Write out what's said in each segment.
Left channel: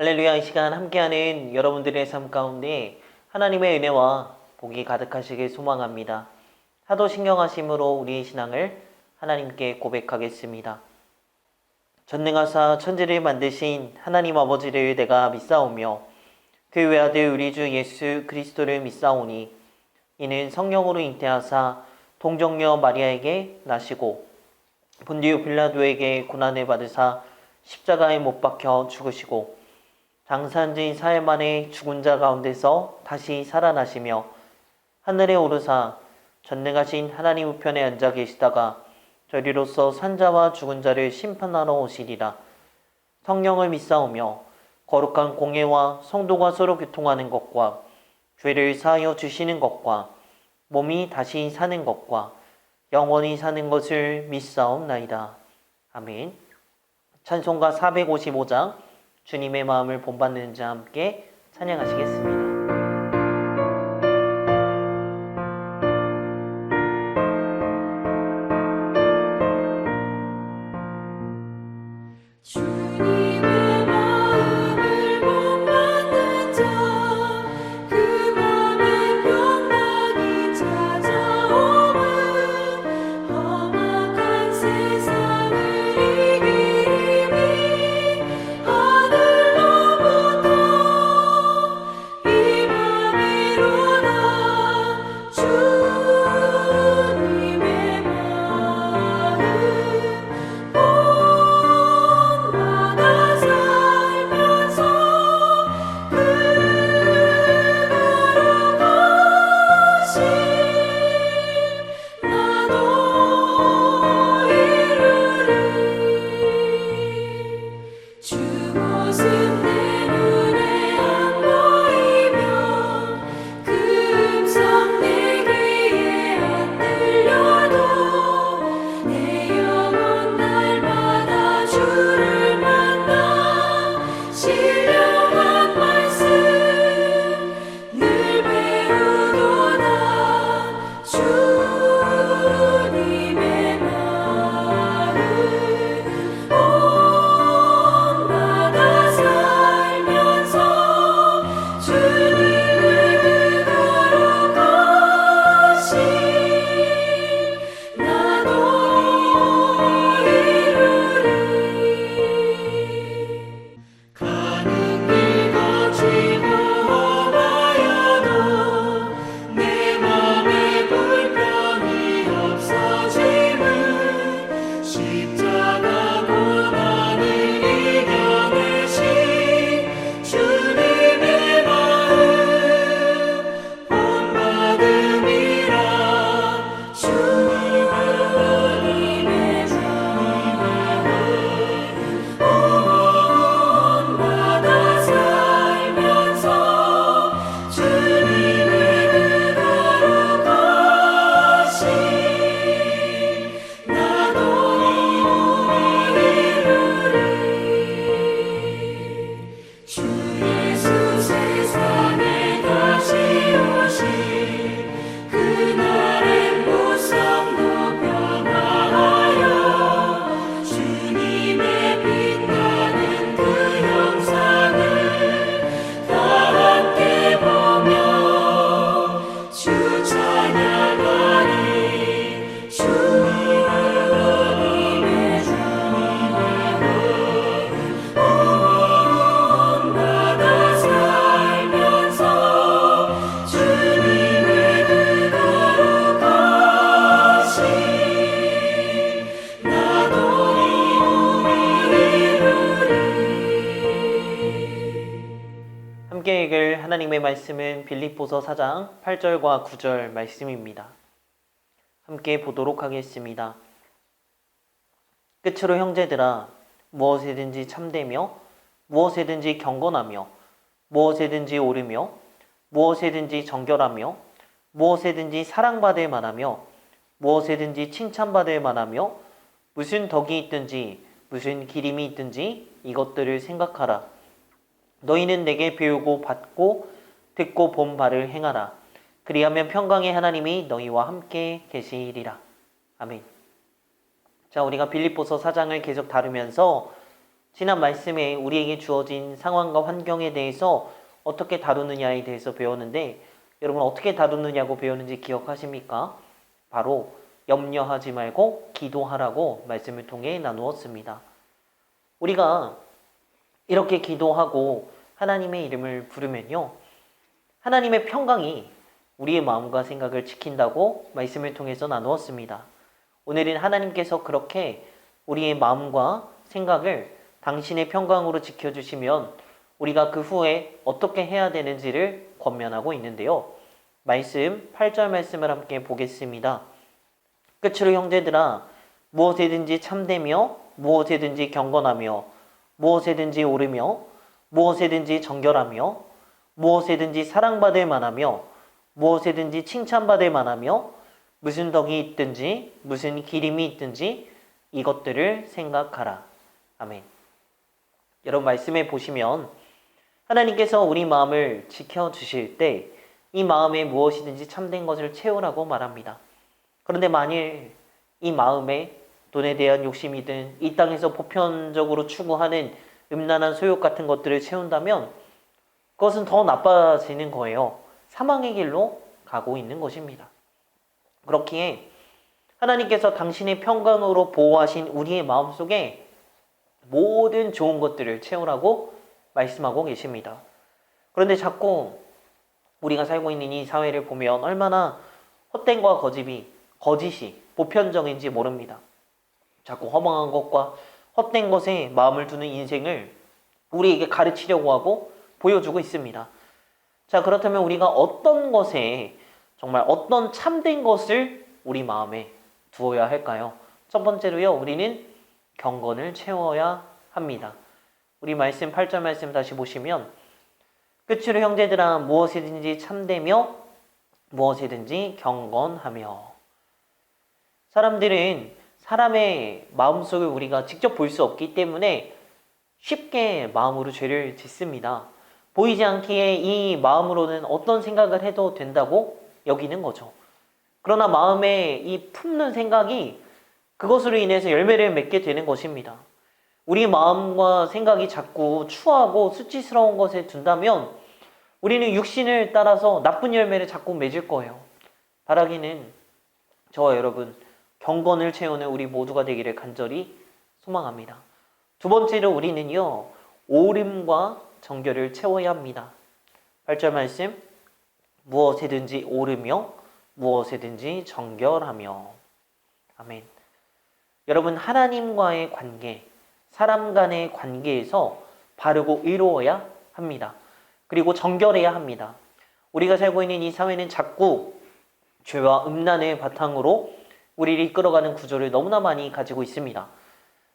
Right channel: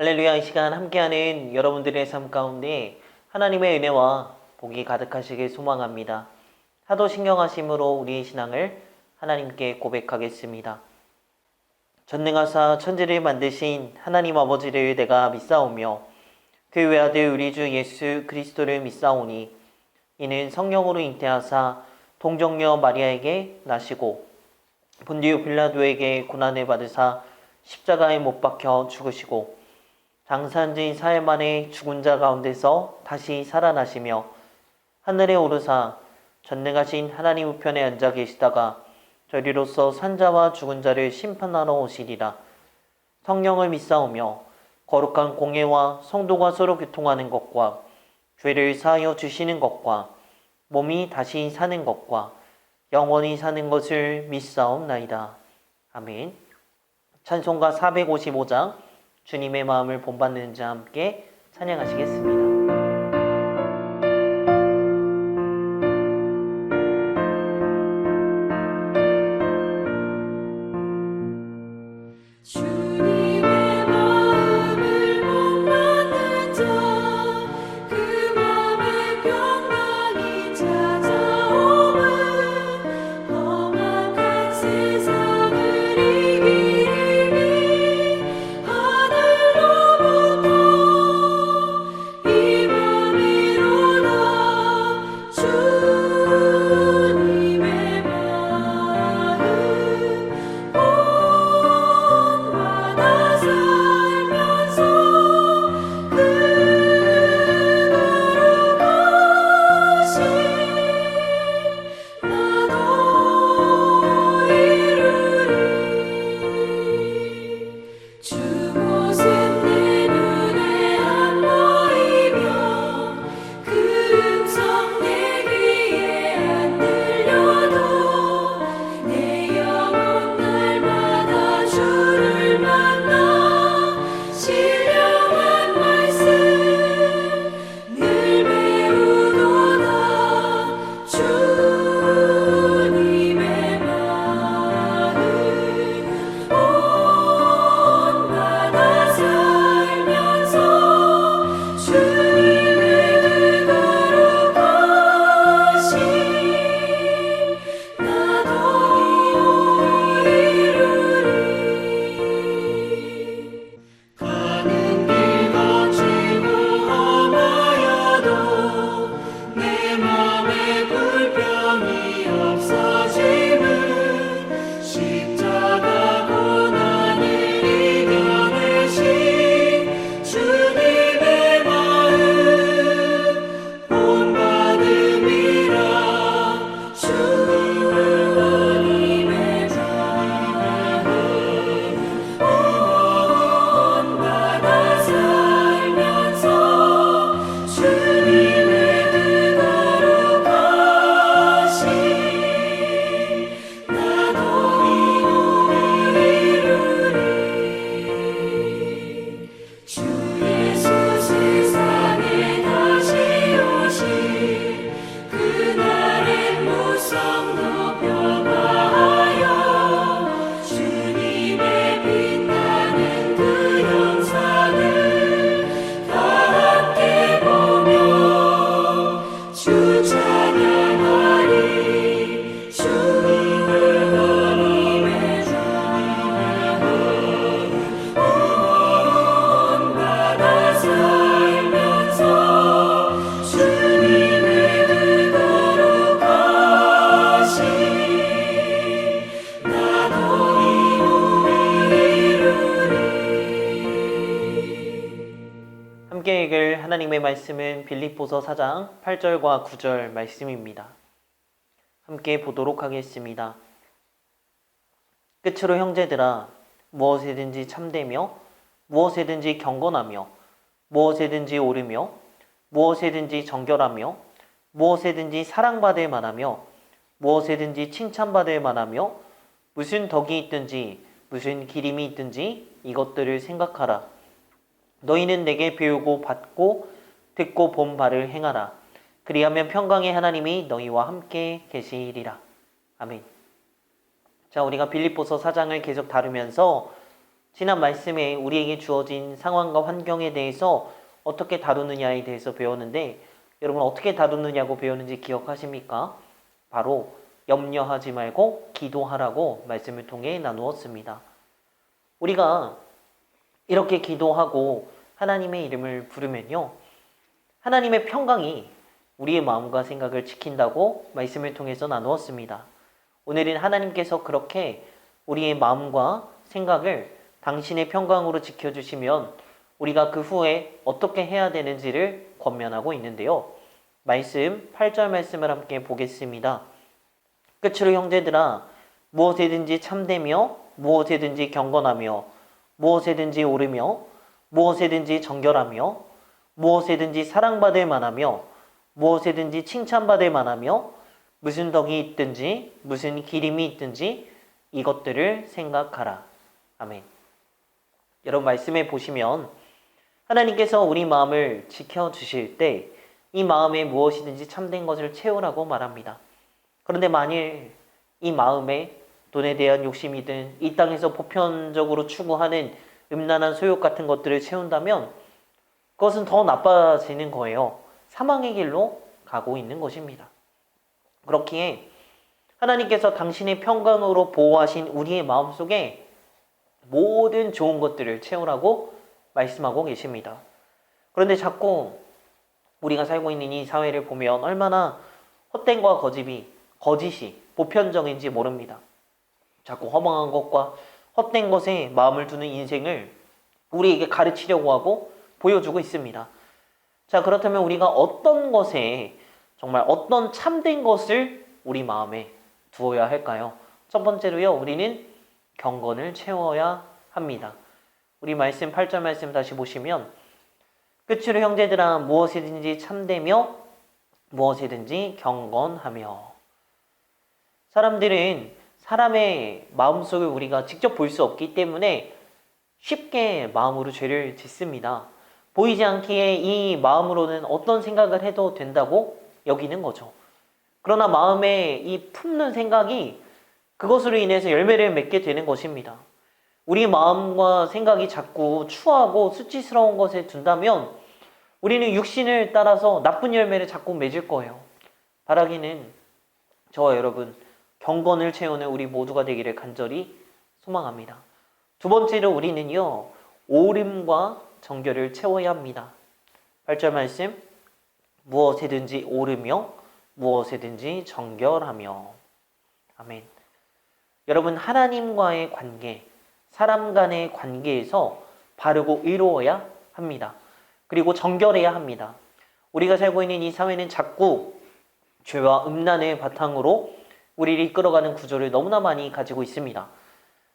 할렐루야. 이 시간 함께하는 여러분들의 삶 가운데 하나님의 은혜와 복이 가득하시길 소망합니다. 하도 신경하심으로 우리의 신앙을 하나님께 고백하겠습니다. 전능하사 천지를 만드신 하나님 아버지를 내가 믿사오며 그 외아들 우리 주 예수 그리스도를 믿사오니 이는 성령으로 잉태하사 동정녀 마리아에게 나시고 본디오 빌라도에게 고난을 받으사 십자가에 못 박혀 죽으시고 장사한 지 사흘 만에 죽은 자 가운데서 다시 살아나시며 하늘에 오르사 전능하신 하나님 우편에 앉아 계시다가 저리로서 산자와 죽은 자를 심판하러 오시리라. 성령을 믿사오며 거룩한 공예와 성도가 서로 교통하는 것과 죄를 사하여 주시는 것과 몸이 다시 사는 것과 영원히 사는 것을 믿사옵나이다. 아멘. 찬송가 455장 주님의 마음을 본받는 자 함께 찬양하시겠습니다. 함께 읽을 하나님의 말씀은 빌립보서 4장 8절과 9절 말씀입니다. 함께 보도록 하겠습니다. 끝으로 형제들아, 무엇에든지 참되며 무엇에든지 경건하며 무엇에든지 옳으며 무엇에든지 정결하며 무엇에든지 사랑받을 만하며 무엇에든지 칭찬받을 만하며 무슨 덕이 있든지 무슨 기림이 있든지 이것들을 생각하라. 너희는 내게 배우고 받고 듣고 본 바를 행하라. 그리하면 평강의 하나님이 너희와 함께 계시리라. 아멘. 자, 우리가 빌립보서 4장을 계속 다루면서 지난 말씀에 우리에게 주어진 상황과 환경에 대해서 어떻게 다루느냐에 대해서 배웠는데 여러분 어떻게 다루느냐고 배웠는지 기억하십니까? 바로 염려하지 말고 기도하라고 말씀을 통해 나누었습니다. 우리가 이렇게 기도하고 하나님의 이름을 부르면요, 하나님의 평강이 우리의 마음과 생각을 지킨다고 말씀을 통해서 나누었습니다. 오늘은 하나님께서 그렇게 우리의 마음과 생각을 당신의 평강으로 지켜주시면 우리가 그 후에 어떻게 해야 되는지를 권면하고 있는데요. 말씀 8절 말씀을 함께 보겠습니다. 끝으로 형제들아, 무엇에든지 참되며 무엇에든지 경건하며 무엇에든지 오르며 무엇에든지 정결하며 무엇에든지 사랑받을 만하며 무엇에든지 칭찬받을 만하며 무슨 덕이 있든지 무슨 기림이 있든지 이것들을 생각하라. 아멘. 여러분 말씀에 보시면 하나님께서 우리 마음을 지켜주실 때 이 마음에 무엇이든지 참된 것을 채우라고 말합니다. 그런데 만일 이 마음에 돈에 대한 욕심이든 이 땅에서 보편적으로 추구하는 음란한 소욕 같은 것들을 채운다면 그것은 더 나빠지는 거예요. 사망의 길로 가고 있는 것입니다. 그렇기에 하나님께서 당신의 평강으로 보호하신 우리의 마음속에 모든 좋은 것들을 채우라고 말씀하고 계십니다. 그런데 자꾸 우리가 살고 있는 이 사회를 보면 얼마나 헛된과 거짓이 보편적인지 모릅니다. 자꾸 허망한 것과 헛된 것에 마음을 두는 인생을 우리에게 가르치려고 하고 보여주고 있습니다. 자, 그렇다면 우리가 어떤 것에 정말 어떤 참된 것을 우리 마음에 두어야 할까요? 첫 번째로요, 우리는 경건을 채워야 합니다. 우리 말씀 8절 말씀 다시 보시면 끝으로 형제들아 무엇이든지 참되며 무엇이든지 경건하며. 사람들은 사람의 마음속을 우리가 직접 볼 수 없기 때문에 쉽게 마음으로 죄를 짓습니다. 보이지 않기에 이 마음으로는 어떤 생각을 해도 된다고 여기는 거죠. 그러나 마음에 이 품는 생각이 그것으로 인해서 열매를 맺게 되는 것입니다. 우리 마음과 생각이 자꾸 추하고 수치스러운 것에 둔다면 우리는 육신을 따라서 나쁜 열매를 자꾸 맺을 거예요. 바라기는 저와 여러분 경건을 채우는 우리 모두가 되기를 간절히 소망합니다. 두 번째로 우리는요, 오름과 정결을 채워야 합니다. 8절 말씀, 무엇에든지 오르며 무엇에든지 정결하며. 아멘. 여러분 하나님과의 관계, 사람 간의 관계에서 바르고 의로워야 합니다. 그리고 정결해야 합니다. 우리가 살고 있는 이 사회는 자꾸 죄와 음란의 바탕으로 우리를 이끌어가는 구조를 너무나 많이 가지고 있습니다.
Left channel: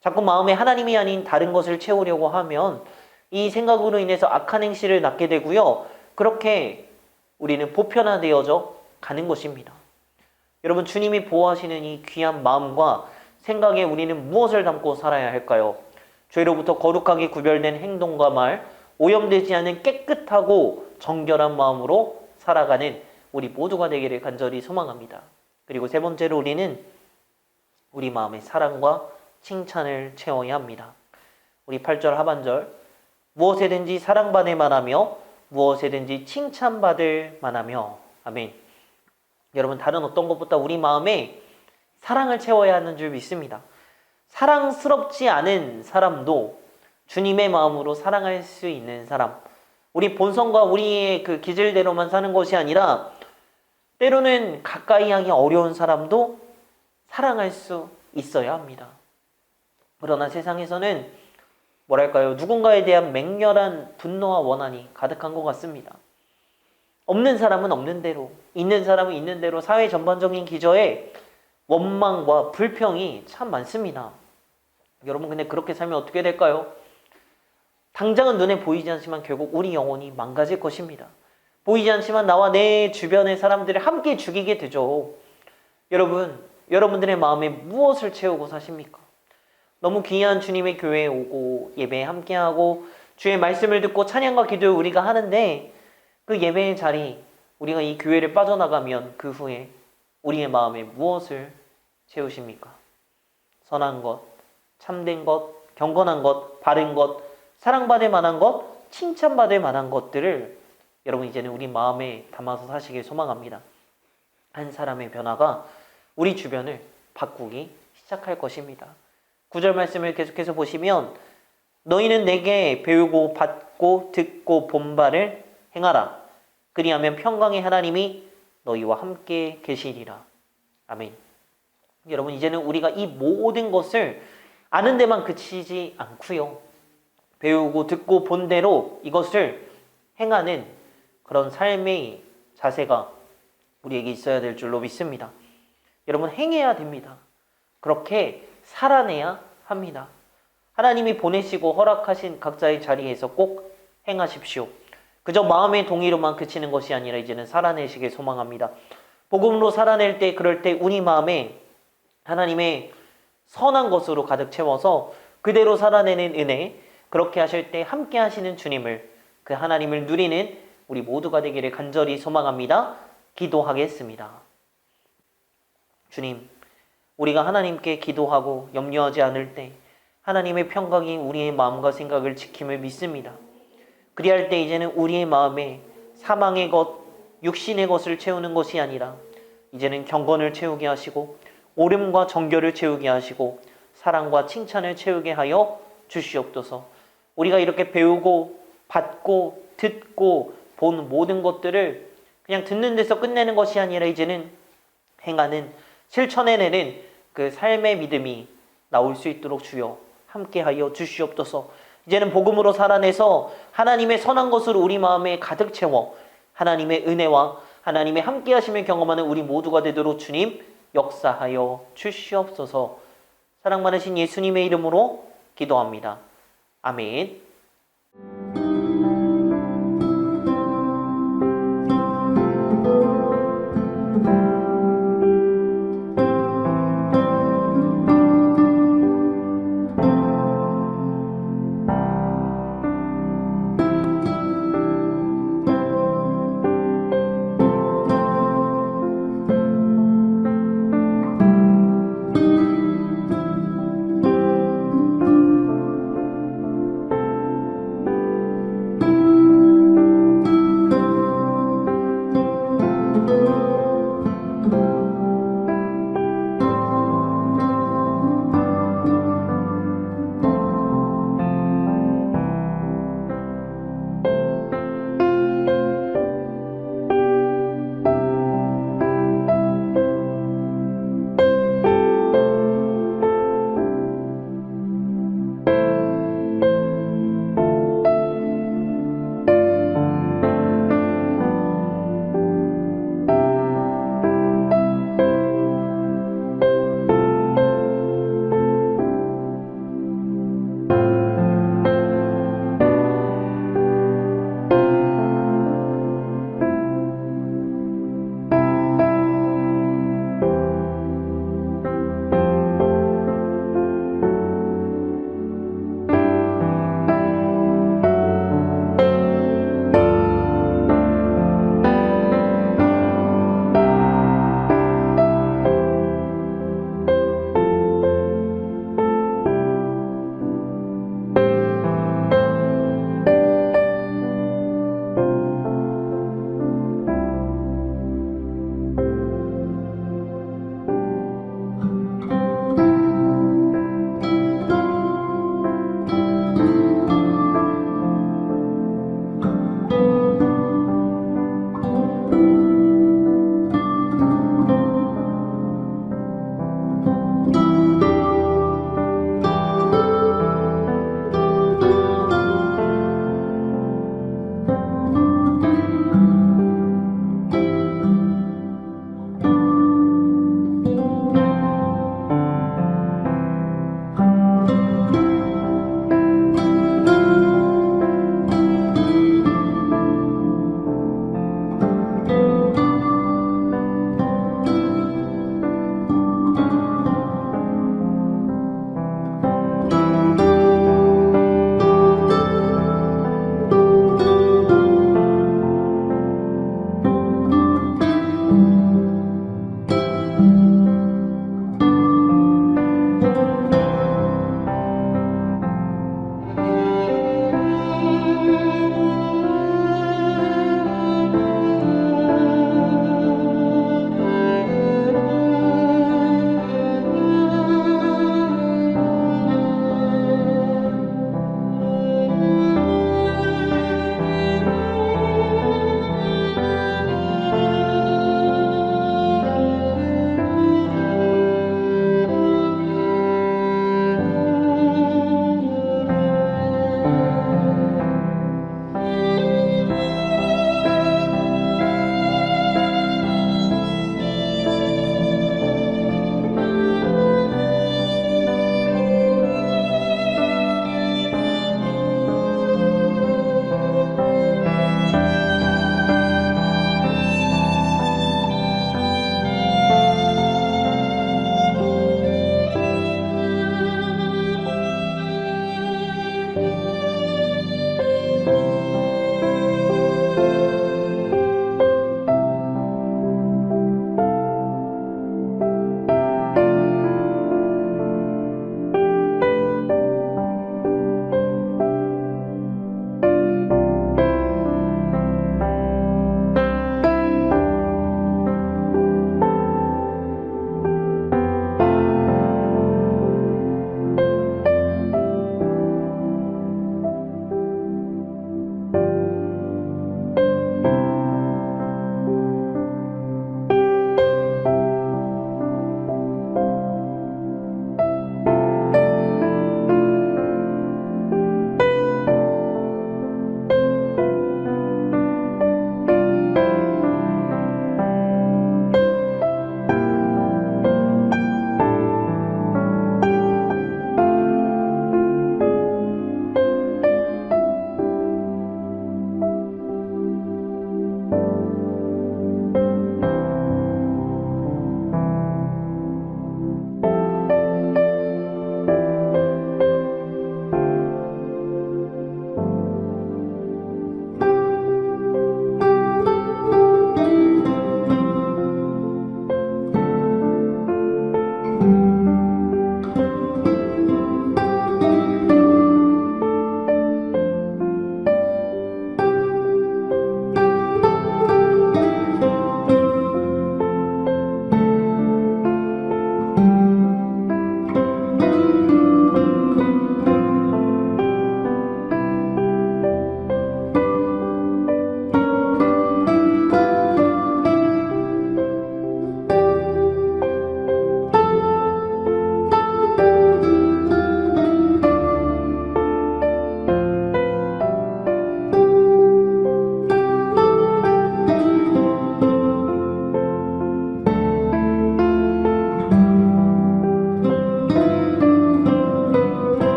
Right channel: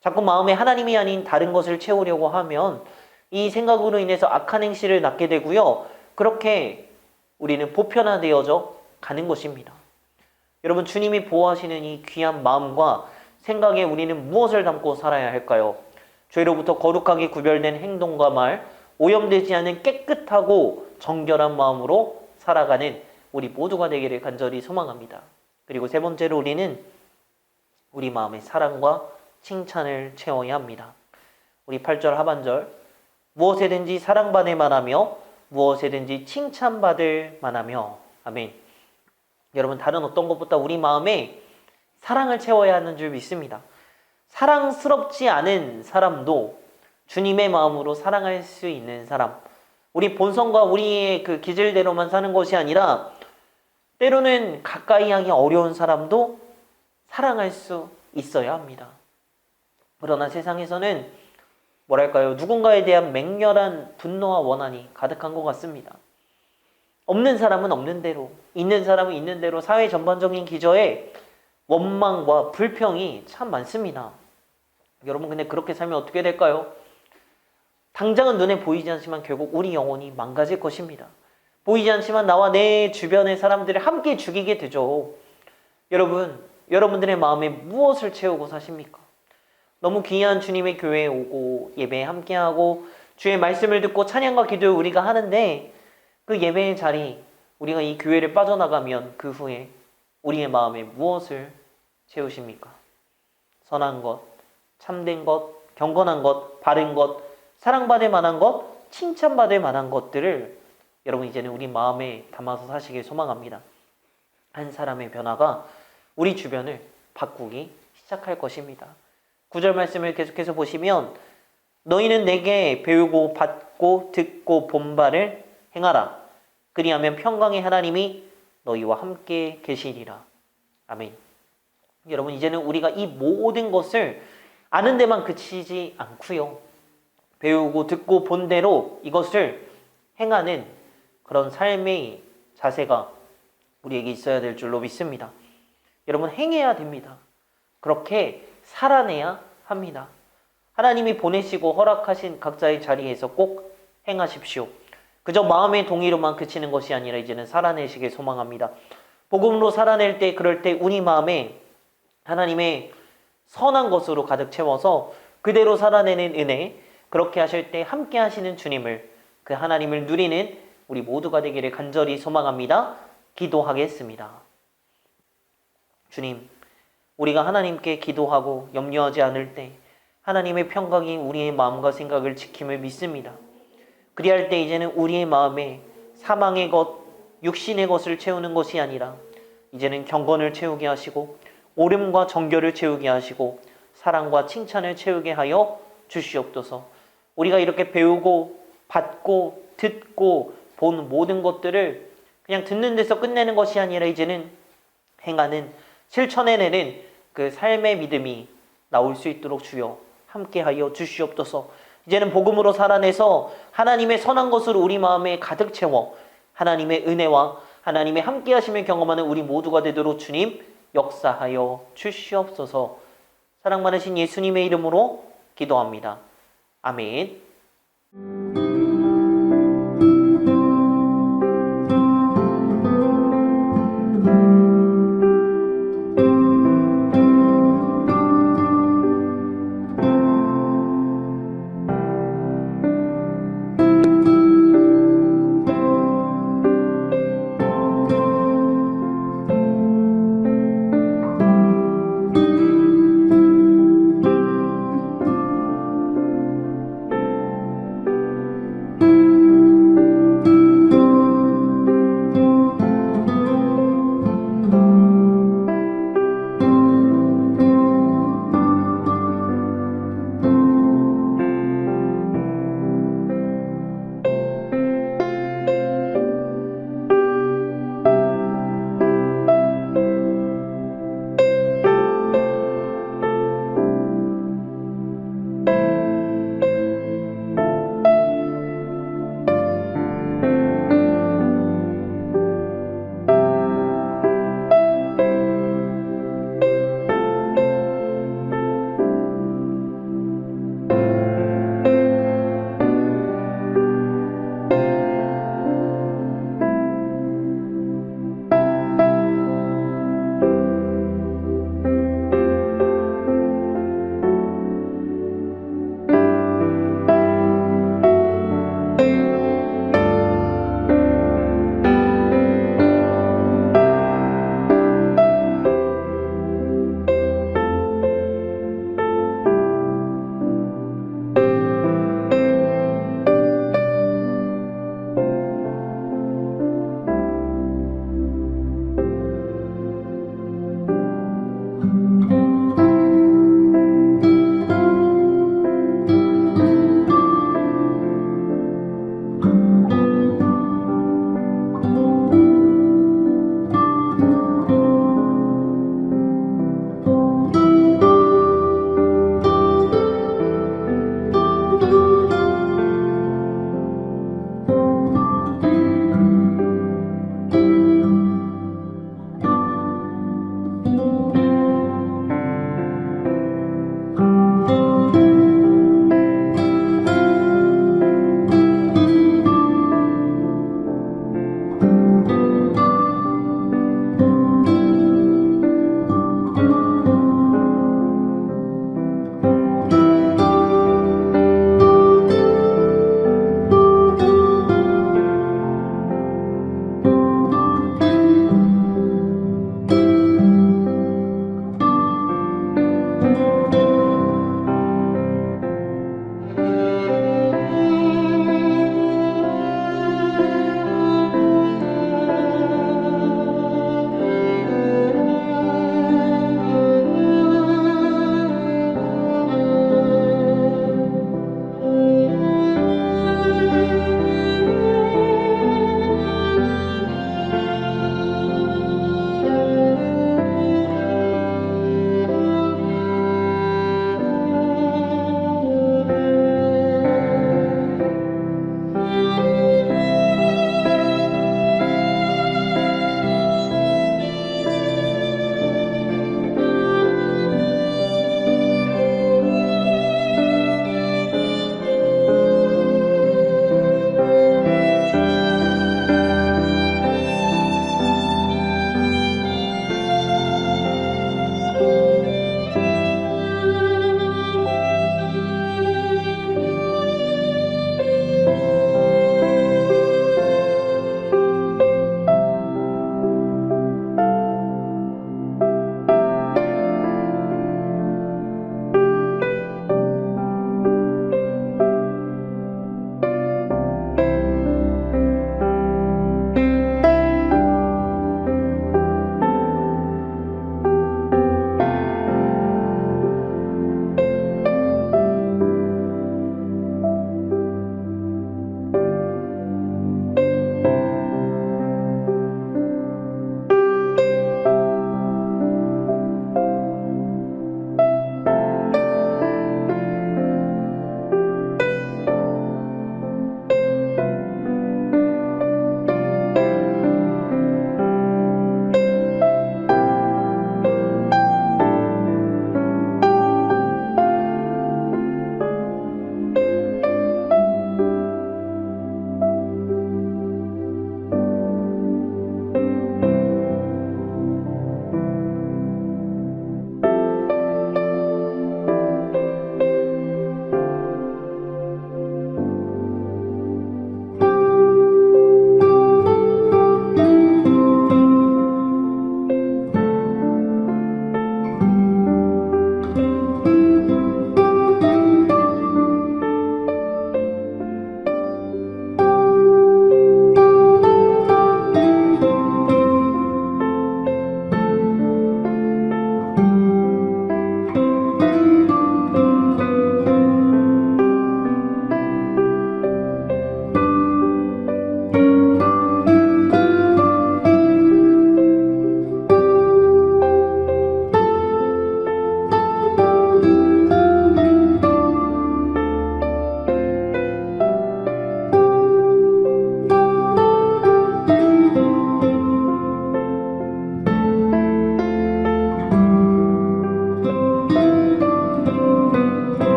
자꾸 마음에 하나님이 아닌 다른 것을 채우려고 하면 이 생각으로 인해서 악한 행실을 낳게 되고요. 그렇게 우리는 보편화되어져 가는 것입니다. 여러분 주님이 보호하시는 이 귀한 마음과 생각에 우리는 무엇을 담고 살아야 할까요? 죄로부터 거룩하게 구별된 행동과 말, 오염되지 않은 깨끗하고 정결한 마음으로 살아가는 우리 모두가 되기를 간절히 소망합니다. 그리고 세 번째로 우리는 우리 마음의 사랑과 칭찬을 채워야 합니다. 우리 8절 하반절, 무엇에든지 사랑받을 만하며 무엇에든지 칭찬받을 만하며. 아멘. 여러분 다른 어떤 것보다 우리 마음에 사랑을 채워야 하는 줄 믿습니다. 사랑스럽지 않은 사람도 주님의 마음으로 사랑할 수 있는 사람, 우리 본성과 우리의 그 기질대로만 사는 것이 아니라 때로는 가까이 하기 어려운 사람도 사랑할 수 있어야 합니다. 그러나 세상에서는 뭐랄까요, 누군가에 대한 맹렬한 분노와 원한이 가득한 것 같습니다. 없는 사람은 없는 대로, 있는 사람은 있는 대로 사회 전반적인 기저에 원망과 불평이 참 많습니다. 여러분 근데 그렇게 살면 어떻게 될까요? 당장은 눈에 보이지 않지만 결국 우리 영혼이 망가질 것입니다. 보이지 않지만 나와 내 주변의 사람들을 함께 죽이게 되죠. 여러분, 여러분들의 마음에 무엇을 채우고 사십니까? 너무 귀한 주님의 교회에 오고 예배에 함께하고 주의 말씀을 듣고 찬양과 기도를 우리가 하는데 그 예배의 자리, 우리가 이 교회를 빠져나가면 그 후에 우리의 마음에 무엇을 채우십니까? 선한 것, 참된 것, 경건한 것, 바른 것, 사랑받을 만한 것, 칭찬받을 만한 것들을 여러분 이제는 우리 마음에 담아서 사시길 소망합니다. 한 사람의 변화가 우리 주변을 바꾸기 시작할 것입니다. 9절 말씀을 계속해서 보시면 너희는 내게 배우고 받고 듣고 본 바를 행하라. 그리하면 평강의 하나님이 너희와 함께 계시리라. 아멘. 여러분 이제는 우리가 이 모든 것을 아는 데만 그치지 않고요. 배우고 듣고 본 대로 이것을 행하는 그런 삶의 자세가 우리에게 있어야 될 줄로 믿습니다. 여러분 행해야 됩니다. 그렇게 살아내야 합니다. 하나님이 보내시고 허락하신 각자의 자리에서 꼭 행하십시오. 그저 마음의 동의로만 그치는 것이 아니라 이제는 살아내시길 소망합니다. 복음으로 살아낼 때 그럴 때 우리 마음에 하나님의 선한 것으로 가득 채워서 그대로 살아내는 은혜, 그렇게 하실 때 함께 하시는 주님을, 그 하나님을 누리는 우리 모두가 되기를 간절히 소망합니다. 기도하겠습니다. 주님, 우리가 하나님께 기도하고 염려하지 않을 때 하나님의 평강이 우리의 마음과 생각을 지킴을 믿습니다. 그리할 때 이제는 우리의 마음에 사망의 것, 육신의 것을 채우는 것이 아니라 이제는 경건을 채우게 하시고 옳음과 정결을 채우게 하시고 사랑과 칭찬을 채우게 하여 주시옵소서. 우리가 이렇게 배우고 받고 듣고 본 모든 것들을 그냥 듣는 데서 끝내는 것이 아니라 이제는 행하는, 실천해내는 그 삶의 믿음이 나올 수 있도록 주여 함께하여 주시옵소서. 이제는 복음으로 살아내서 하나님의 선한 것으로 우리 마음에 가득 채워 하나님의 은혜와 하나님의 함께하심을 경험하는 우리 모두가 되도록 주님 역사하여 주시옵소서. 사랑 많으신 예수님의 이름으로 기도합니다. 아멘.